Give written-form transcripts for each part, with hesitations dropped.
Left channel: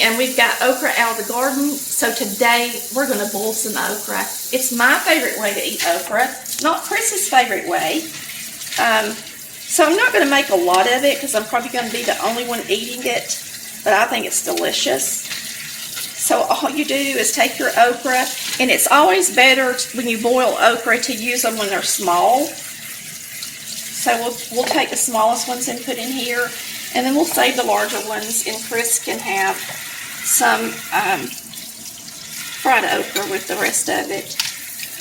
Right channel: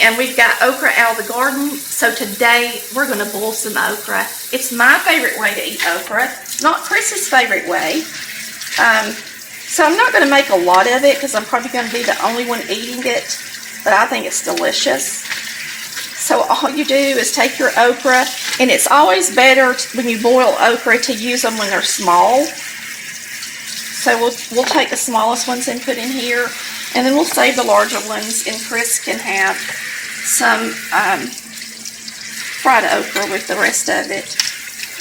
And we've got okra out of the garden, so today we're going to boil some okra. It's my favorite way to eat okra, not Chris's favorite way. So I'm not going to make a lot of it because I'm probably going to be the only one eating it, but I think it's delicious. So all you do is take your okra, and it's always better when you boil okra to use them when they're small. So we'll take the smallest ones and put in here, and then we'll save the larger ones, and Chris can have some fried okra with the rest of it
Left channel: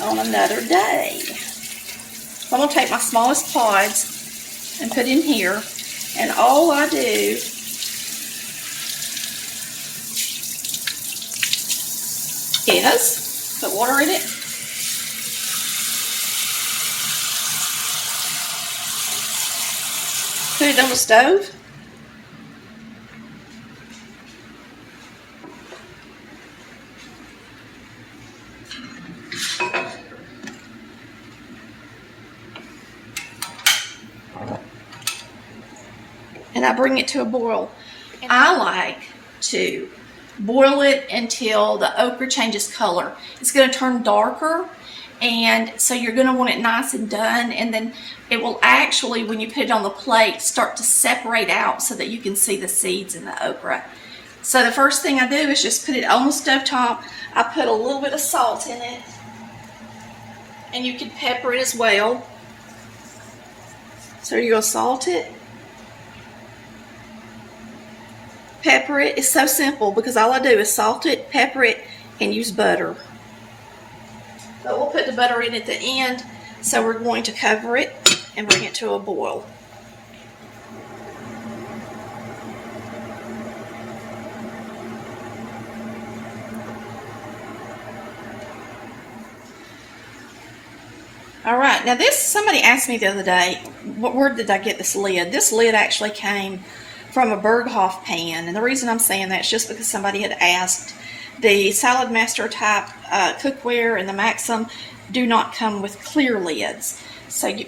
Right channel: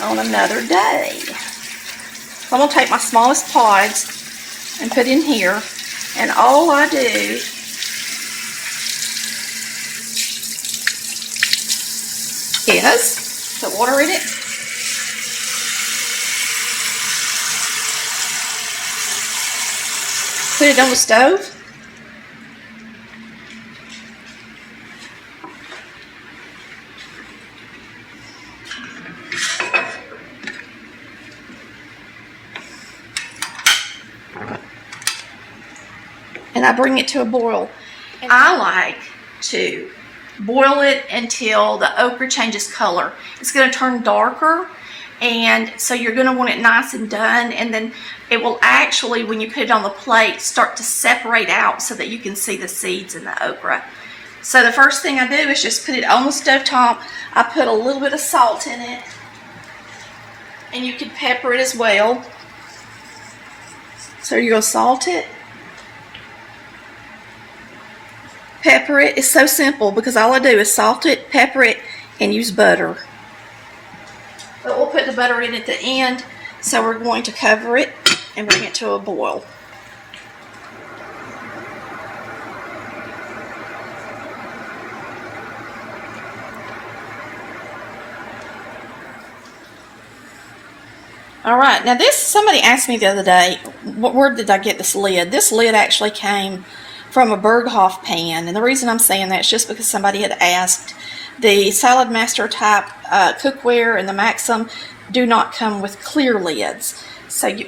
on another day. So I'm going to take my smallest pods and put in here, and all I do is put water in it. Put it on the stove. And I bring it to a boil. I like to boil it until the okra changes color. It's going to turn darker, and so you're going to want it nice and done, and then it will actually, when you put it on the plate, start to separate out so that you can see the seeds in the okra. So the first thing I do is just put it on the stove top. I put a little bit of salt in it, and you can pepper it as well. So you're going to salt it. Pepper it. It's so simple because all I do is salt it, pepper it, and use butter. But we'll put the butter in at the end, so we're going to cover it and bring it to a boil. All right, now this, somebody asked me the other day, where did I get this lid? This lid actually came from a Berghoff pan, and the reason I'm saying that is just because somebody had asked. The Salad Master type cookware and the Maxim do not come with clear lids,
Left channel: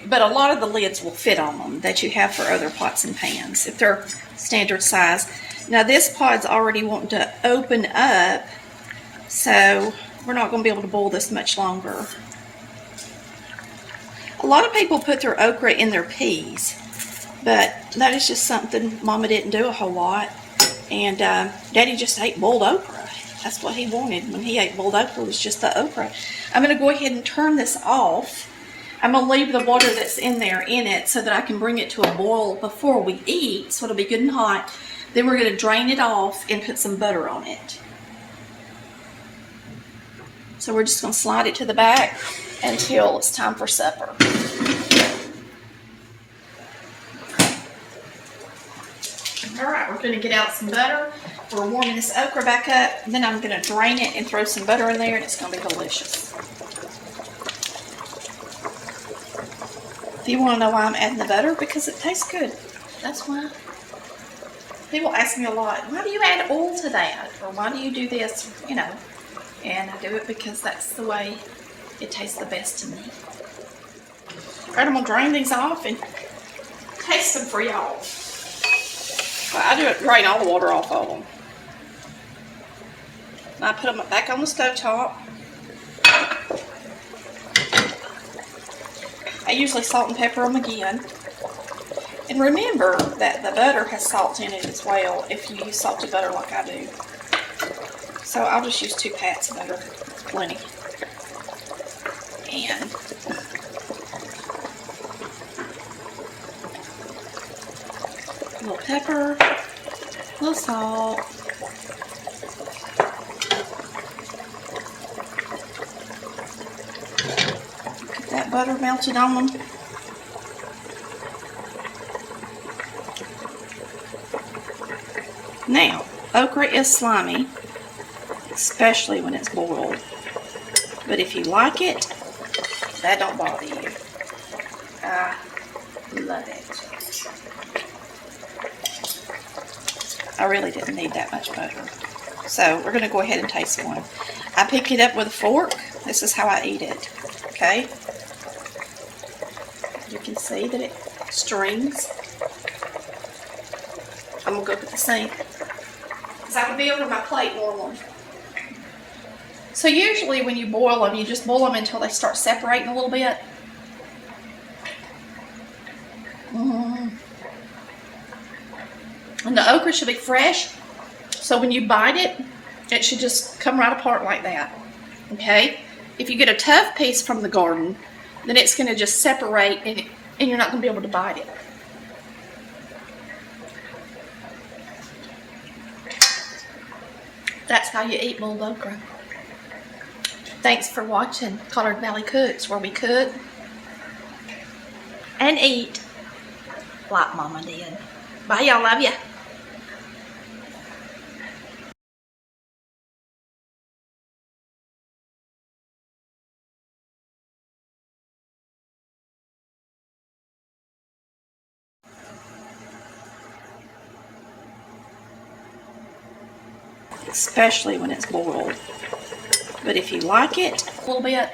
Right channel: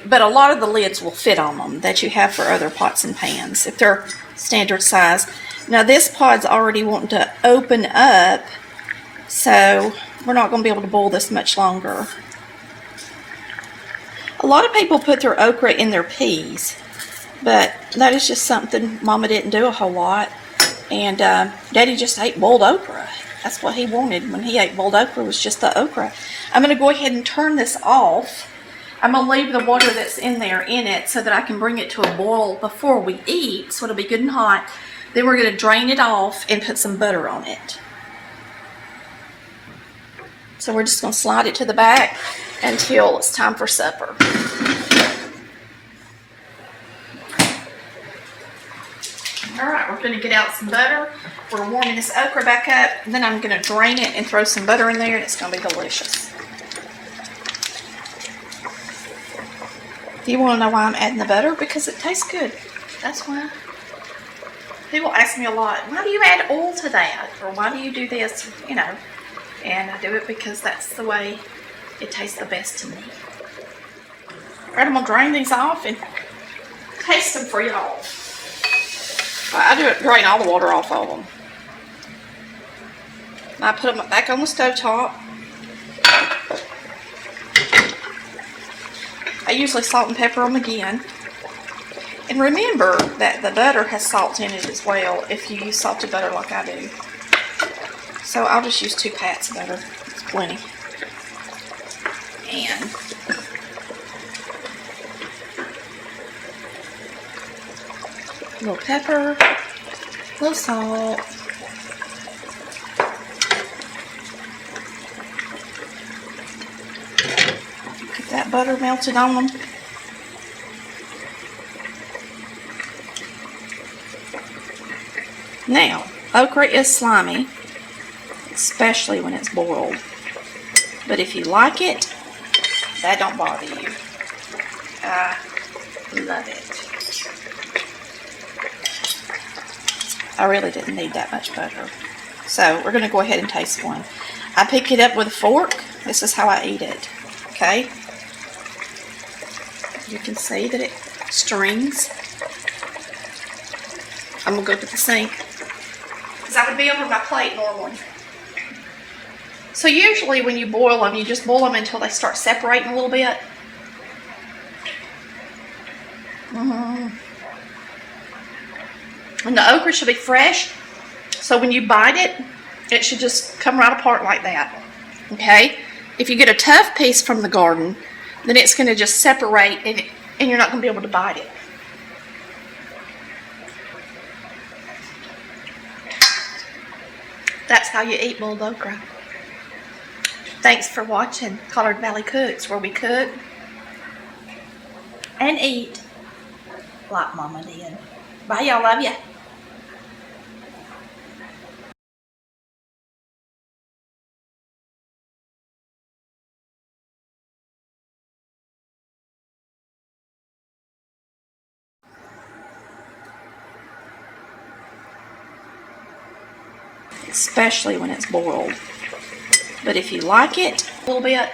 but a lot of the lids will fit on them that you have for other pots and pans if they're standard size. Now this pod's already wanting to open up, so we're not going to be able to boil this much longer. A lot of people put their okra in their peas, but that is just something Mama didn't do a whole lot, and Daddy just ate boiled okra. That's what he wanted when he ate boiled okra, was just the okra. I'm going to go ahead and turn this off. I'm going to leave the water that's in there in it so that I can bring it to a boil before we eat, so it'll be good and hot. Then we're going to drain it off and put some butter on it. So we're just going to slide it to the back until it's time for supper. All right, we're going to get out some butter. We're warming this okra back up, and then I'm going to drain it and throw some butter in there, and it's going to be delicious. If you want to know why I'm adding the butter, because it tastes good. That's why. People ask me a lot, why do you add oil to that? Or why do you do this? You know, and I do it because that's the way it tastes the best to me. All right, I'm going to drain these off and taste them for y'all. I do it, drain all the water off of them. I put them back on the stove top. I usually salt and pepper them again. And remember that the butter has salt in it as well if you use salted butter like I do. So I'll just use 2 pats of butter. It's plenty. And a little pepper, a little salt, get that butter melted on them. Now, okra is slimy, especially when it's boiled, but if you like it, that don't bother you. I love it. I really didn't need that much butter. So we're going to go ahead and taste one. I pick it up with a fork. This is how I eat it. Okay? You can see that it strings. I'm going to go to the sink. because I would be over my plate normally. So usually when you boil them, you just boil them until they start separating a little bit. And the okra should be fresh, so when you bite it, it should just come right apart like that. Okay? If you get a tough piece from the garden, then it's going to just separate and you're not going to be able to bite it. That's how you eat boiled okra. Thanks for watching Collard Valley Cooks, where we cook and eat like Mama did. Bye, y'all. Love ya. Especially when it's boiled. But if you like it a little bit,